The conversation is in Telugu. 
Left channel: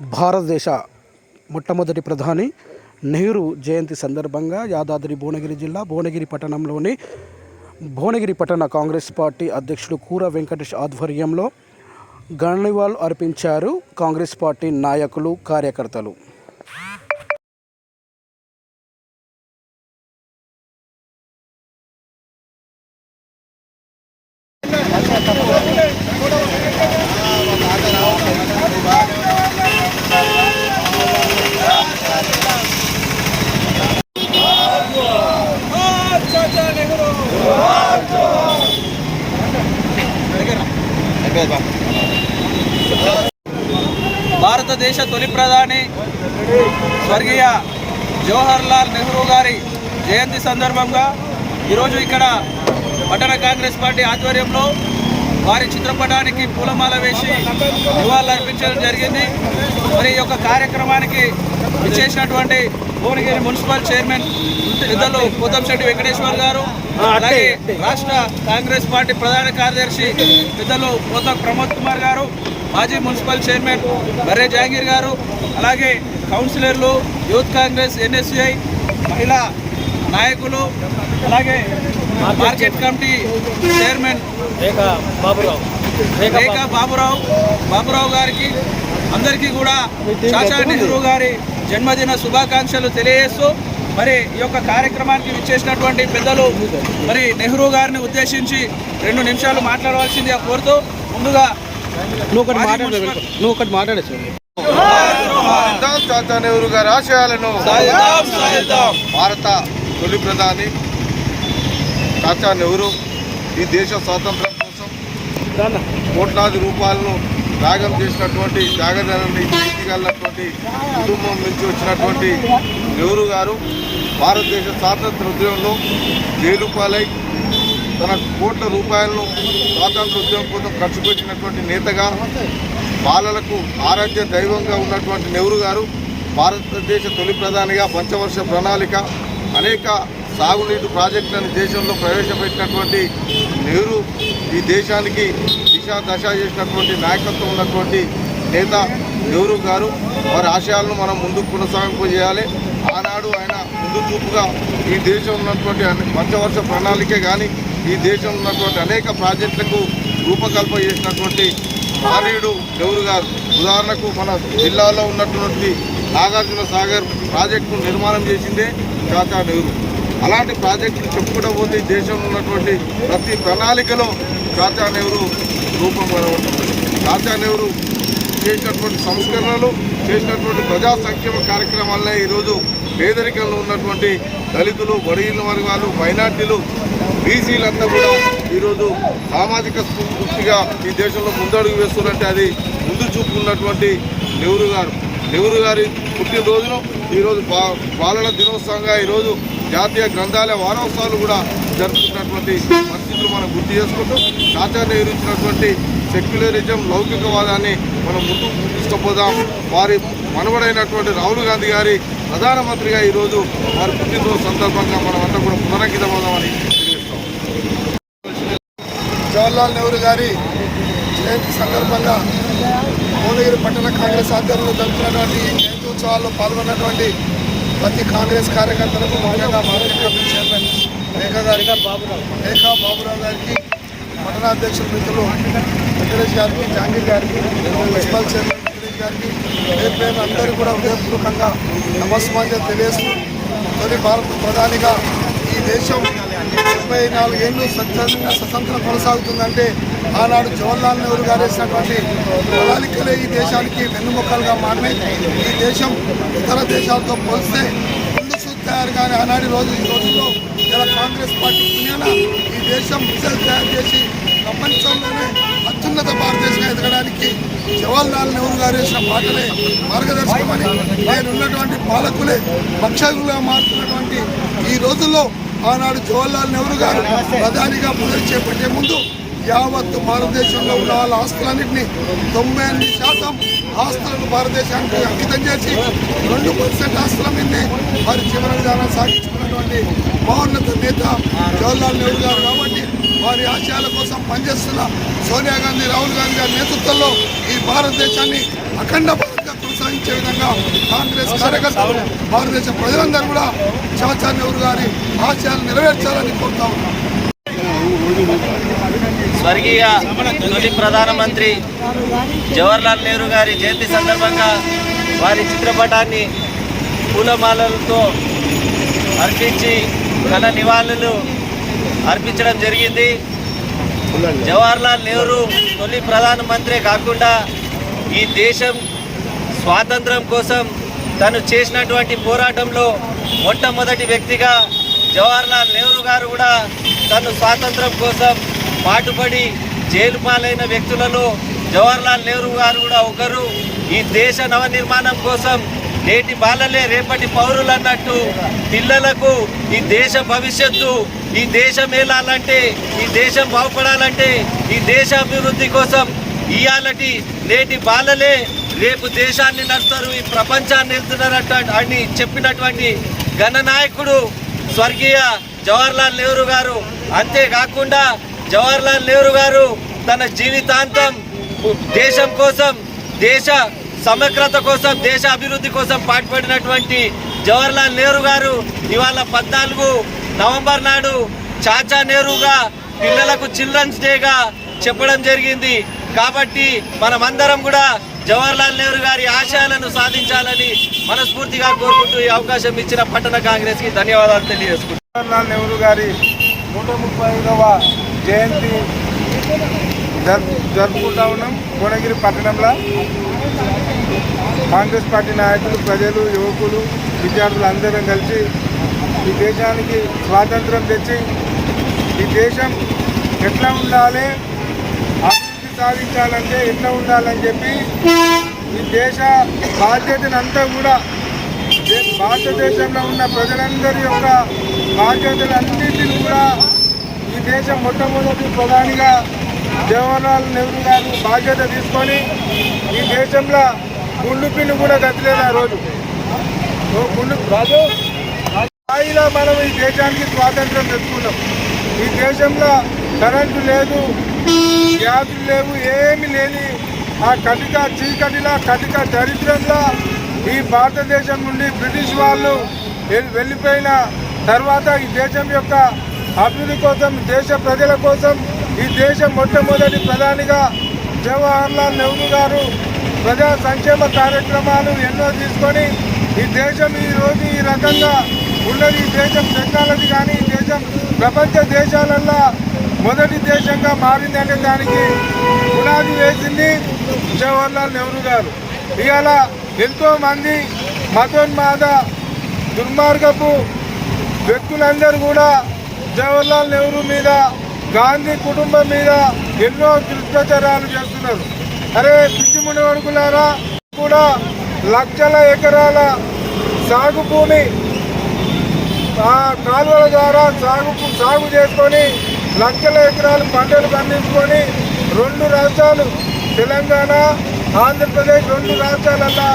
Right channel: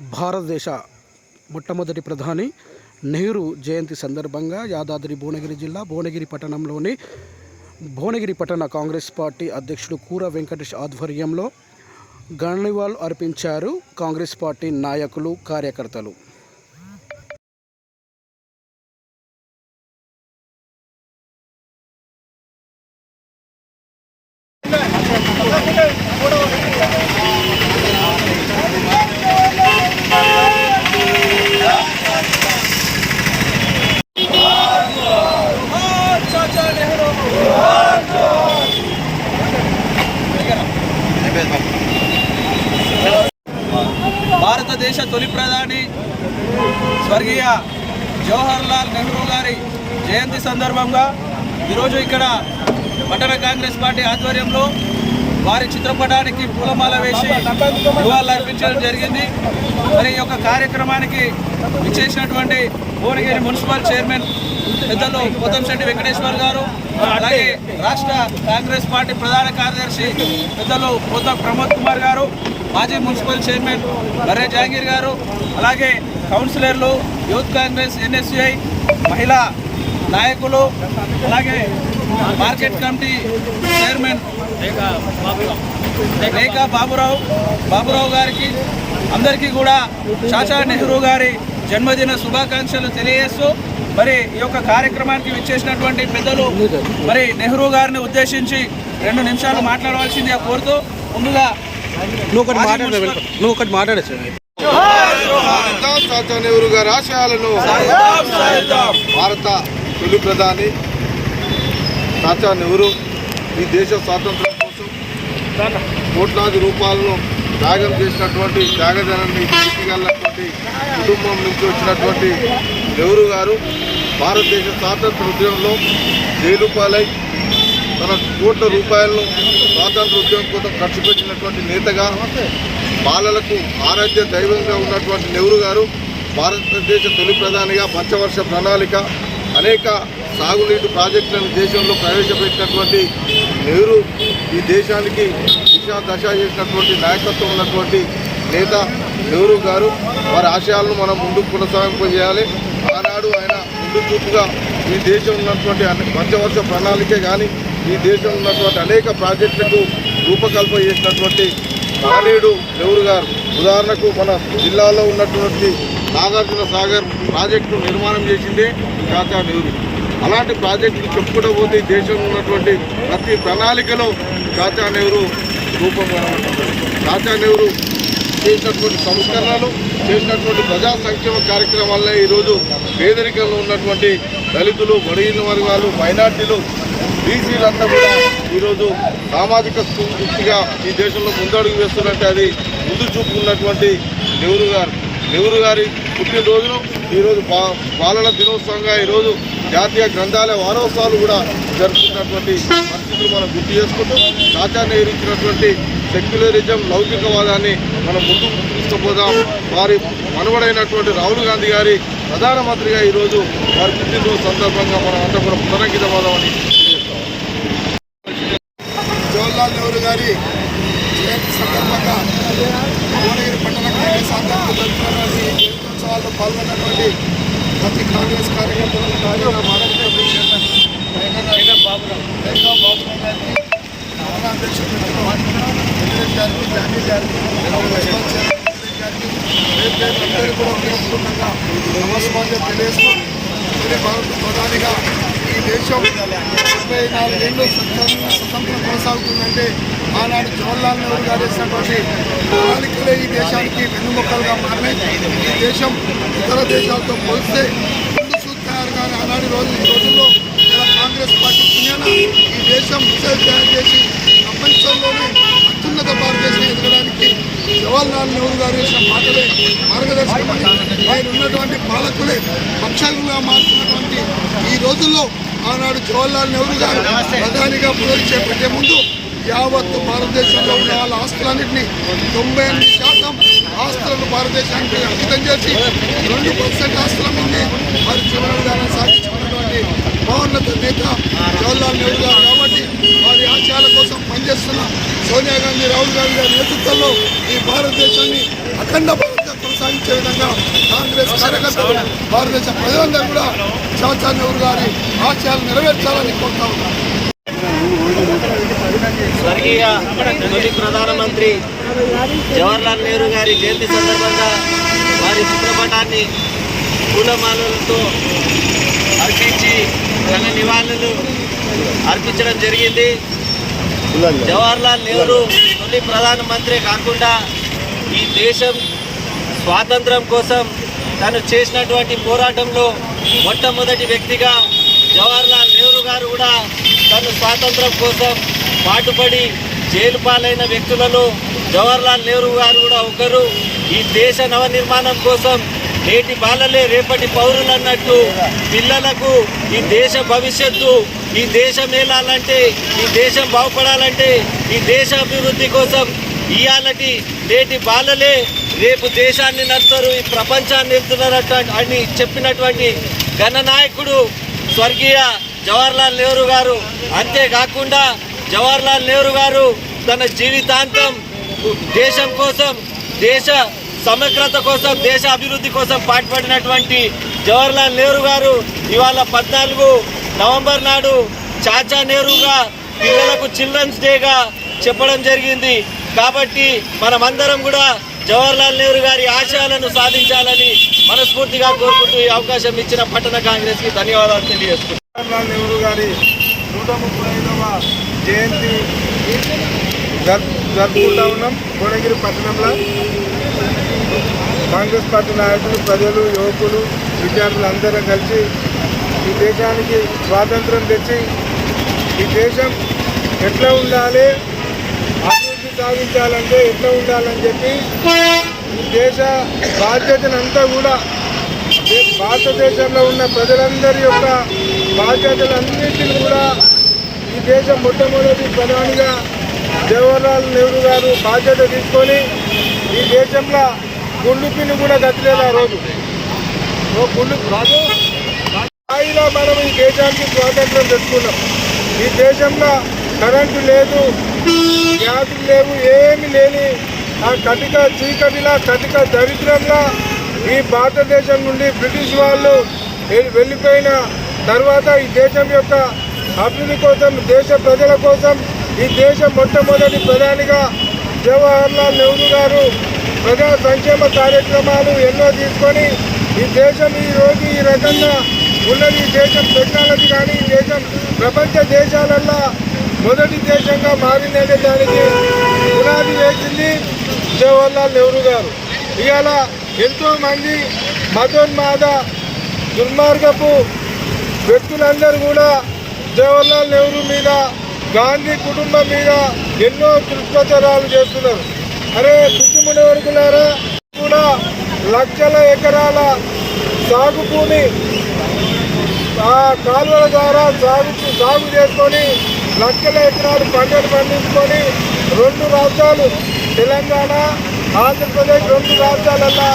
భారతదేశ మొట్టమొదటి ప్రధాని నెహ్రూ జయంతి సందర్భంగా యాదాద్రి భువనగిరి జిల్లా భువనగిరి పట్టణంలోని భువనగిరి పట్టణ కాంగ్రెస్ పార్టీ అధ్యక్షుడు కూర వెంకటేష్ ఆధ్వర్యంలో గణనివాళులు అర్పించారు కాంగ్రెస్ పార్టీ నాయకులు కార్యకర్తలు. భారతదేశ తొలి ప్రధాని స్వర్గీయ జవహర్ లాల్ నెహ్రూ గారి జయంతి సందర్భంగా ఈరోజు ఇక్కడ పట్టణ కాంగ్రెస్ పార్టీ ఆధ్వర్యంలో వారి చిత్రపటానికి పూలమాల వేసి నివాళులు అర్పించడం జరిగింది. మరి ఈ యొక్క కార్యక్రమానికి విచ్చేసినటువంటి భువనగిరి మున్సిపల్ చైర్మన్ పెద్దలు కొత్తంశెట్టి వెంకటేశ్వర్ గారు అలాగే రాష్ట్ర కాంగ్రెస్ పార్టీ ప్రధాన కార్యదర్శి పెద్దలు కొత్త ప్రమోద్ కుమార్ గారు మాజీ మున్సిపల్ చైర్మన్ బర్రే జహాంగీర్ గారు అలాగే కౌన్సిలర్లు యూత్ కాంగ్రెస్ ఎన్ఎస్యుఐ మహిళా నాయకులు అలాగే market committee chairman Rekha Baburao. Baburao గారికి అందరికీ కూడా చాచా నెహ్రూ గారి జన్మదిన శుభాకాంక్షలు తెలియజేస్తూ మరి ఈ యొక్క కార్యక్రమానికి విచ్చేసినటువంటి పెద్దలు మరి నెహ్రూ గారిని ఉద్దేశించి రెండు నిమిషాలు మాట్లాడవలసిందిగా కోరుతూ ముందుగా నువ్వు ఒకటి మాట్లాడే నువ్వు ఒకటి నెహ్రూ గారి ఆశయాలను భారత తొలి ప్రధాని చాచా నెహ్రూ ఈ దేశ స్వాతంత్రం కోసం కోట్లాది రూపాయలను త్యాగం చేసినటువంటి త్యాగదనాన్ని తీసుకెళ్ళినటువంటి కుటుంబం నుంచి వచ్చినటువంటి నెహ్రూ గారు భారతదేశ స్వాతంత్ర ఉద్యమంలో జైలు పాలై తన కోట్ల రూపాయలను స్వాతంత్ర ఉద్యమం కోసం ఖర్చు పెట్టినటువంటి నేతగాను బాలలకు ఆరాధ్య దైవంగా ఉన్నటువంటి నెహ్రూ గారు భారతదేశ తొలి ప్రధానిగా పంచవర్ష ప్రణాళిక అనేక సాగునీటి ప్రాజెక్టులను దేశంలో ప్రవేశపెట్టినటువంటి నెహ్రూ ఈ దేశానికి దిశ దశ చేసినటువంటి నాయకత్వం ఉన్నటువంటి నేత నెహ్రూ గారు. వారి ఆశయాలను మనం ముందుకు కొనసాగింపజేయాలి. ఆనాడు ఆయన ముందు చూపుగా ఈ దేశం ఉన్నటువంటి పంచవర్ష ప్రణాళికే కానీ ఈ దేశం ఉన్నటువంటి అనేక ప్రాజెక్టులకు రూపకల్పన చేసినటువంటి మహనీయుడు నెహ్రూ గారు. ఉదాహరణకు మన జిల్లాలో ఉన్నటువంటి నాగార్జున సాగర్ ప్రాజెక్టు నిర్మాణం చేసిందే కాకా నెహ్రూ. అలాంటి ప్రాజెక్టులు చెప్పుకుంటూ పోతే దేశంలో ఉన్నటువంటి ప్రతి ప్రణాళికలో చాచా నెహ్రూ రూపం కనబడుతుంది చాచా నెహ్రూ చేసినటువంటి సంస్కరణలు చేసినటువంటి ప్రజా సంక్షేమ కార్యక్రమాలనే ఈరోజు పేదరికంలో ఉన్నటువంటి దళితులు బడిగిన వర్గాలు మైనార్టీలు బీసీలంతా కూడా ఈరోజు సామాజిక స్ఫూర్తిగా ఈ దేశంలో ముందడుగు వేస్తున్నట్టే అది ముందు చూపుకున్నటువంటి నెహ్రూ గారు. నెహ్రూ గారి పుట్టినరోజును ఈరోజు బా బాలల దినోత్సవంగా ఈరోజు జాతీయ గ్రంథాలయ వారోత్సవాలు కూడా జరుపుకున్నటువంటి పరిస్థితులు మనం గుర్తు చేసుకుంటూ చాచా నెహ్రూ ఇచ్చినటువంటి సెక్యులరిజం లౌకికవాదాన్ని మనం ముందుకు తీసుకుపోదాం. వారి మనవడైనటువంటి రాహుల్ గాంధీ గారి ప్రధానమంత్రిగా ఈరోజు వారి పుట్టినరోజు సందర్భంగా మనం అంతా కూడా పునరంకితమవుదామని జవహర్లాల్ నెహ్రూ గారి జయంతి సందర్భంగా భువనగిరి పట్టణ కాంగ్రెస్ ఆధ్వర్యంలో జరుపుతున్నటువంటి జయంత్యోత్సవాల్లో పాల్గొన్నటువంటి ప్రతి కాంగ్రెస్ కార్యకర్తలకు ముఖ్యంగా మార్కెట్ కమిటీ చైర్మన్ రేఖా గారికి రేఖా బాబురావు గారికి పట్టణాధ్యక్షులు మిత్రులు వెంకటేష్ గారికి జాంగీర్ గారికి మున్సిపల్ చైర్మన్ వెంకటేష్ గారికి పేరు పేరు అందరూ కూడా ఉపయోగపూర్వకంగా నమస్కారం తెలియజేస్తూ తొలి భారత ప్రధానిగా ఈ దేశం ముప్పై నాలుగు ఏళ్ళు స్వతంత్రం కొనసాగుతుందంటే ఆనాడు జవహర్లాల్ నెహ్రూ గారు వేసినటువంటి ప్రణాళికలే ఈ దేశానికి వెన్నుమొక్కలుగా మారినాయి. ఈ దేశం ఇతర దేశాలతో పోలిస్తే ముందు చూపు తయారు కానీ ఆనాడు రోజు ఈ రోజుల్లో ఇలా కాంగ్రెస్ పార్టీ పుణ్యాన ఈ దేశం మిసైల్ తయారు చేసి ప్రపంచంలోనే అత్యున్నత భారతదేశం ఎదగడానికి జవహర్లాల్ నెహ్రూ గారు వేసిన మాటలే మార్గదర్శకమని ఆయన ఉన్నటువంటి పాలకులే పక్షాలుగా మారుతున్నటువంటి ఈ రోజుల్లో ఆనాడు జవహర్లాల్ నెహ్రూ గారు ప్రధానిగా పదవి చేపట్టే ముందు యావత్తు భారతదేశంలో ఉన్న వాళ్ళ ఆస్తులన్నింటినీ తొంభై ఎనిమిది శాతం ఆస్తులను భారతదేశానికి అంకితం చేసి రెండు పర్సెంట్ ఆస్తుల మీదనే వారి జీవన విధానం సాగించుకున్నటువంటి మహోన్నత నేత జవహర్లాల్ నెహ్రూ గారు కాబట్టి వారి ఆశయాల కోసం పనిచేస్తున్న సోనియా గాంధీ రాహుల్ గాంధీ గారి నేతృత్వంలో ఈ భారతదేశాన్ని అఖండ భారత్గా విధంగా కాంగ్రెస్ కార్యకర్తలు భారతదేశ ప్రజలందరూ కూడా చాచా నెహ్రూ గారి ఆశయాలు నెరవేర్చాలని కోరుతా స్వర్గీయ తొలి ప్రధానమంత్రి జవహర్లాల్ నెహ్రూ గారి జయంతి సందర్భంగా వారి చిత్రపటాన్ని పూలమాలలతో అర్పించి ఘన నివాళులు అర్పించడం జరిగింది. జవహర్లాల్ నెహ్రూ తొలి ప్రధానమంత్రి కాకుండా ఈ దేశం స్వాతంత్రం కోసం తను చేసినటువంటి పోరాటంలో మొట్టమొదటి వ్యక్తిగా జవహర్లాల్ నెహ్రూ గారు కూడా తను స్వాతంత్రం కోసం పాటుపడి జైలు పాలైన వ్యక్తులలో జవహర్లాల్ నెహ్రూ గారు కూడా ఒకరు. ఈ దేశ నవనిర్మాణం కోసం నేటి బాలలే రేపటి పౌరులు అన్నట్టు పిల్లలకు ఈ దేశ భవిష్యత్తు ఈ దేశం ఏలాలంటే ఈ దేశం బాగుపడాలంటే ఈ దేశ అభివృద్ధి కోసం ఇవాళటి నేటి బాలలే రేపు దేశాన్ని నడుస్తారు ఈ ప్రపంచాన్ని వెళ్తున్నారట అని చెప్పినటువంటి ఘననాయకుడు స్వర్గీయ జవహర్లాల్ నెహ్రూ గారు. అంతేకాకుండా జవహర్లాల్ నెహ్రూ గారు తన జీవితాంతం దేశం కోసం దేశ సమగ్రత కోసం దేశ అభివృద్ధి కోసం పాటుపడినటువంటి జవహర్లాల్ నెహ్రూ గారు ఇవాళ పద్నాలుగు నవంబర్ నాడు చాచా నెహ్రూగా పిల్లలకు చిల్డ్రన్స్ డేగా చెప్పడం జరిగింది. కాబట్టి మనమందరం కూడా జవహర్లాల్ నెహ్రూ గారి ఆశయాలను సాధించాలని మనస్ఫూర్తిగా కోరుకుంటూ ఈ అవకాశం ఇచ్చిన పట్టణ కాంగ్రెస్కి ధన్యవాదాలు తెలియజేసుకుంటున్నాను జవహర్లాల్ నెహ్రూ గారి నూట ముప్పై జయంతి జరుపుకుంటా ఉన్నాం భువనగిరి పట్టణంలో. కాంగ్రెస్ పార్టీ నాయకులు ప్రజలు యువకులు విద్యార్థులు అందరం కలిసి ఈ దేశానికి స్వాతంత్రం తెచ్చి ఈ దేశం ఎట్లా ఉండాలి అభివృద్ధి సాధించాలంటే ఎట్లా ఉండాలని చెప్పి ఈ దేశ బాధ్యతనంతా కూడా భారతదేశంలో ఉన్న ప్రజలందరి యొక్క బాధ్యతలన్నింటినీ కూడా ఈ దేశం మొట్టమొదటి ప్రధానిగా జవహర్లాల్ నెహ్రూ గారు బాధ్యత తీసుకొని ఈ దేశంలో గుండు పిల్లు కూడా కదిలేదు ఆ రోజు. ఓ గుండు రాజు స్థాయిలో మనం ఈ దేశానికి స్వాతంత్రం తెచ్చుకున్నాం. ఈ దేశంలో కరెంటు లేదు వ్యాధులు లేవు ఏమి లేని ఆ కటిక చీకటిన కటిక దరిద్రంలో ఈ భారతదేశం నుండి బ్రిటిష్ వాళ్ళు వెళ్ళిపోయిన తర్వాత ఈ దేశం యొక్క అభివృద్ధి కోసం దేశ ప్రజల కోసం ఈ దేశం మొట్టమొదటి ప్రధానిగా జవహర్లాల్ నెహ్రూ గారు ప్రజా సంక్షేమ కార్యక్రమాలు ఎన్నో తీసుకొని ఈ దేశం ఈ రోజు ఈ రకంగా ఉన్నది. ఈ దేశం టెక్నాలజీ కానీ ఈ దేశం ప్రపంచ దేశాలల్లో మొదటి దేశంగా మారిందంటే దానికి పునాది వేసింది జవహర్లాల్ నెహ్రూ గారు. ఇవాళ ఎంతో మంది మతోన్మాద దుర్మార్గపు వ్యక్తులందరూ కూడా జవహర్లాల్ నెహ్రూ మీద గాంధీ కుటుంబం మీద ఎన్నో దుష్ప్రచారాలు చేస్తున్నారు. అరే పిచ్చిముడి వరకులారా కూడా లక్షల ఎకరాల సాగు భూమి ఆ కాలువల ద్వారా సాగు సాగు చేసుకొని లక్షల ఎకరాలు పంటలు పండించుకొని రెండు రాష్ట్రాలు తెలంగాణ ఆంధ్రప్రదేశ్ రెండు రాష్ట్రాలలో